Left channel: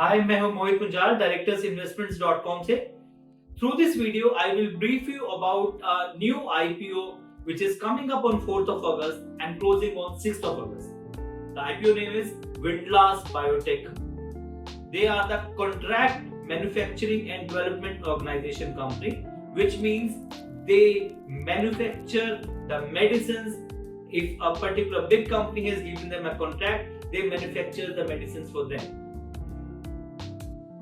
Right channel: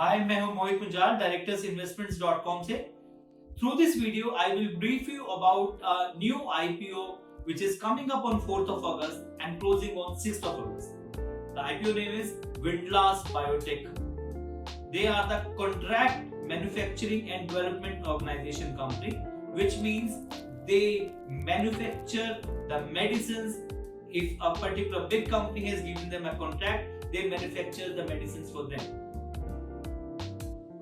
हाय, मैं हूं मोहित मुंजाल, directorsinvestments.com से. Through this video, I will brief you about a new IPO which is coming up on 4th of August and closing on 6th of August. The IPO name is Windlass Biotech. They are the Contract Manufacturing and Development Organization company, which means they manufacture the medicines. If a particular big company has given them a contract, they manufacture the medicines for them.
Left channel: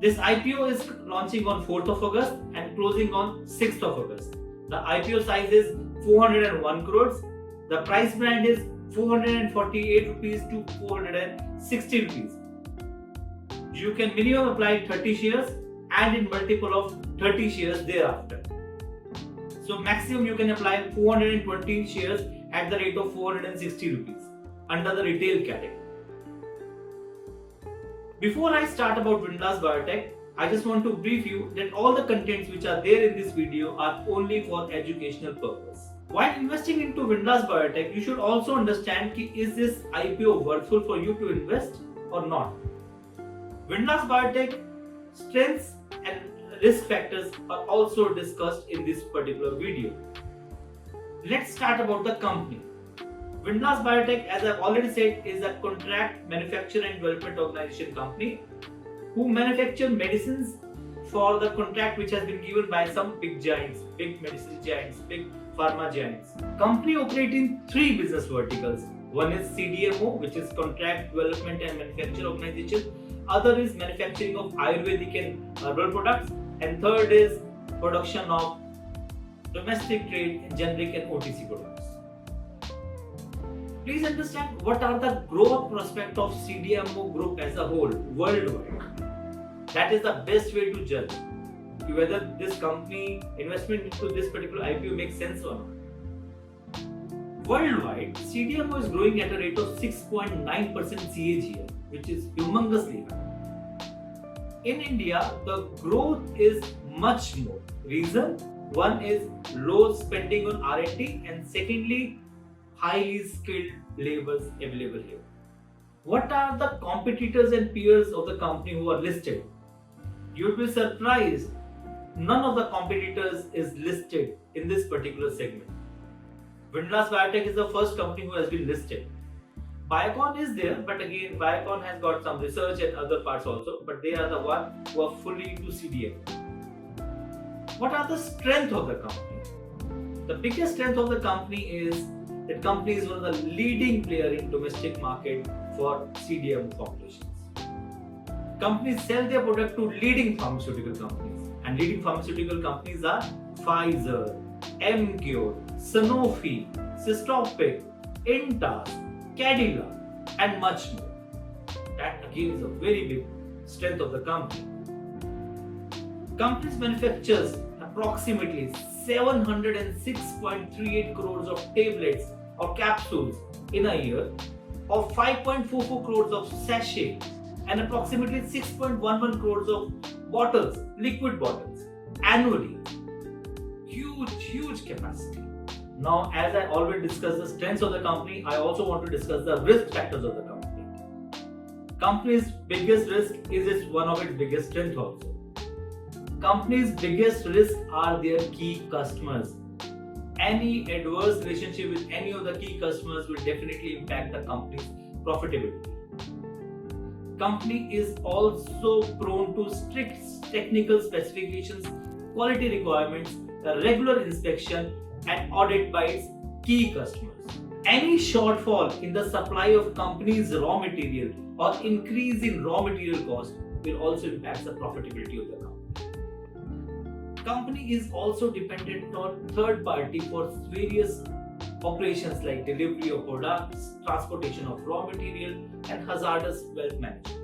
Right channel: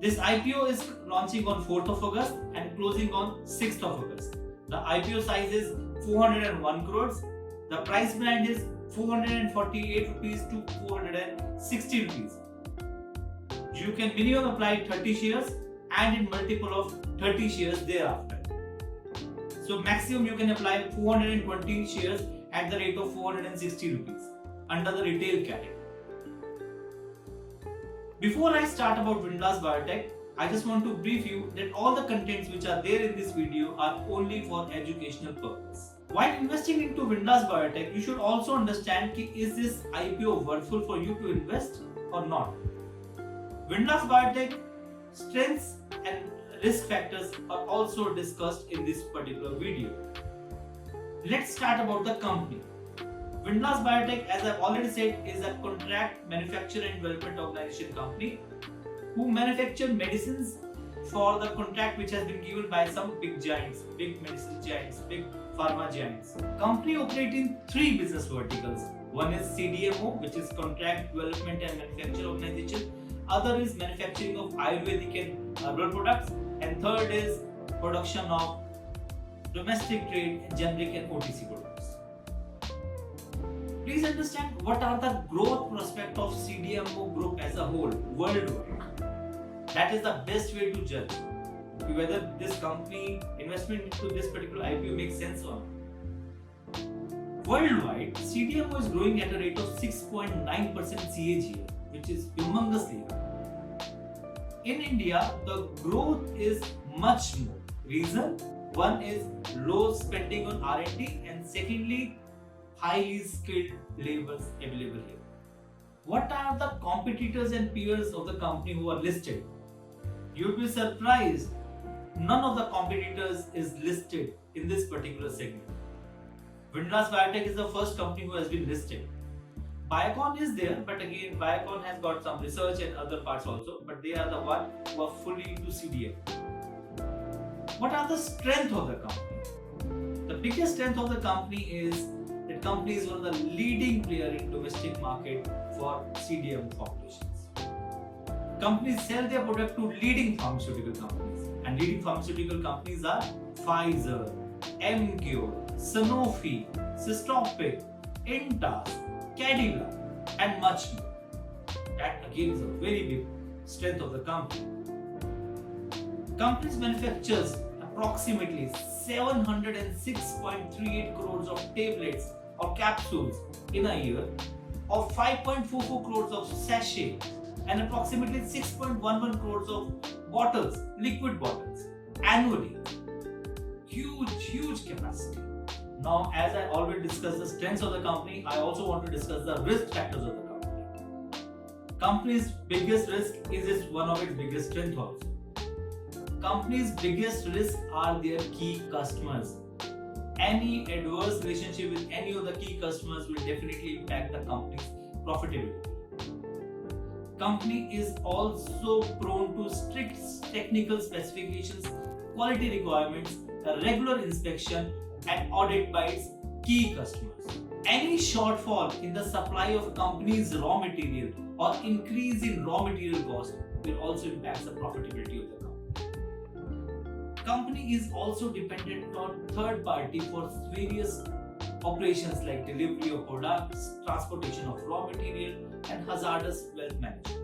This IPO is launching on 4th of August and closing on 6th of August. The IPO size is 401 crores. The price band is 448 rupees to 460 rupees. You can minimum apply 30 shares and in multiple of 30 shares thereafter. So maximum you can apply 420 shares at the rate of 460 rupees under the retail category. Before I start about Windlass Biotech, I just want to brief you that all the contents which are there in this video are only for educational purpose. While investing into Windlass Biotech, you should also understand ki is this IPO worthful for you to invest or not. Windlass Biotech strengths and risk factors are also discussed in this particular video. Let's start about the company. Windlass Biotech, as I've already said, is a contract manufacturer and development organization company who manufacture medicines for the contract which has been given by some big giants, big medicine giants, big pharma giants. Company operates in three business verticals. One is CDMO, which is Contract Development and Manufacture Organization. Other is manufacturing of Ayurvedic and herbal products. And third is production of domestic trade, generic and OTC products. Please understand what are the growth prospects of CDMO group as a whole worldwide. That is the best way to judge whether this company investment into this particular IPO makes sense or not. Worldwide, CDMO is growing at a rate of 6.9% CAGR, which is humongously high. In India, the growth is much more. Reason? One is low spending on R&D and secondly, highly skilled laborers available here. What are the competitors and peers of the company who are listed? You'll be surprised, none of the competitors is listed in this particular segment. Windlass Biotech is the first company who has been listed. Biocon is there, but again, Biocon has got some research and other parts also, but they are the one who are fully into CDMO. What are the strengths of the company? The biggest strength of the company is that company is one of the leading player in domestic market for CDMO formulations. Companies sell their product to leading pharmaceutical companies, and leading pharmaceutical companies are Pfizer, Emcure, Sanofi, Systopic, Intas, Cadila, and much more. That again is a very big strength of the company. Companies manufactures approximately 706.38 crores of tablets or capsules in a year, or 5.44 crores of sachet, and approximately 6.11 crores of bottles, liquid bottles, annually. Huge capacity. Now, as I already discussed the strengths of the company, I also want to discuss the risk factors of the company. Company's biggest risk is one of its biggest strengths also. Company's biggest risk are their key customers. Any adverse relationship with any of the key customers will definitely impact the company's profitability. Company is also prone to strict technical specifications, quality requirements, the regular inspection and audit by its key customers. Any shortfall in the supply of company's raw material or increase in raw material cost will also impact the profitability of the company. Company is also dependent on third party for various operations like delivery of products, transportation of raw material, and hazardous waste management.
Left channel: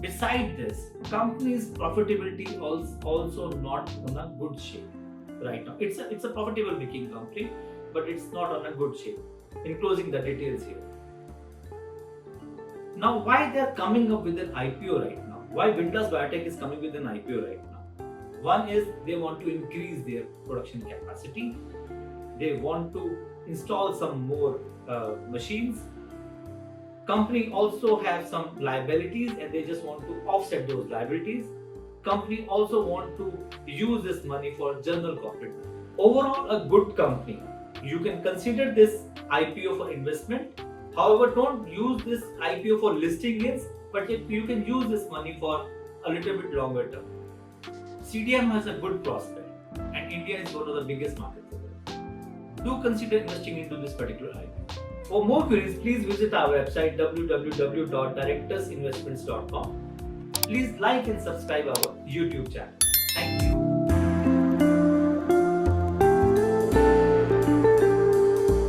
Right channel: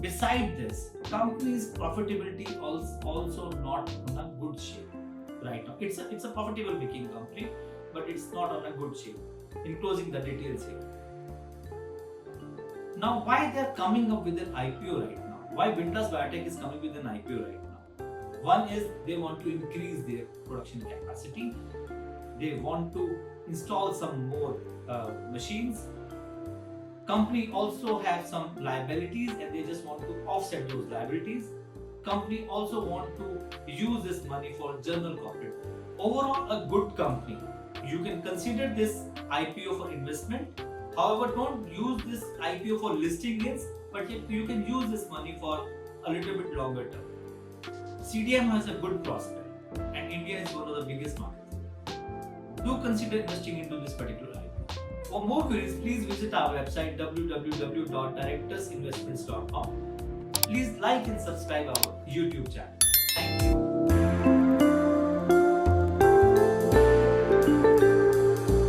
Besides this, company's profitability is also not on a good shape right now. It's a profitable making company, but it's not on a good shape. Enclosing the details here. Now, why they are coming up with an IPO right now? Why Windlass Biotech is coming with an IPO right now? One is they want to increase their production capacity. They want to install some more machines. Company also have some liabilities and they just want to offset those liabilities. Company also want to use this money for general corporate. Overall, a good company. You can consider this IPO for investment. However, don't use this IPO for listing gains, but you can use this money for a little bit longer term. CDM has a good prospect and India is one of the biggest markets. Do consider investing into this particular IPO. For more queries, please visit our website www.directorsinvestments.com. Please like and subscribe our YouTube channel. Thank you.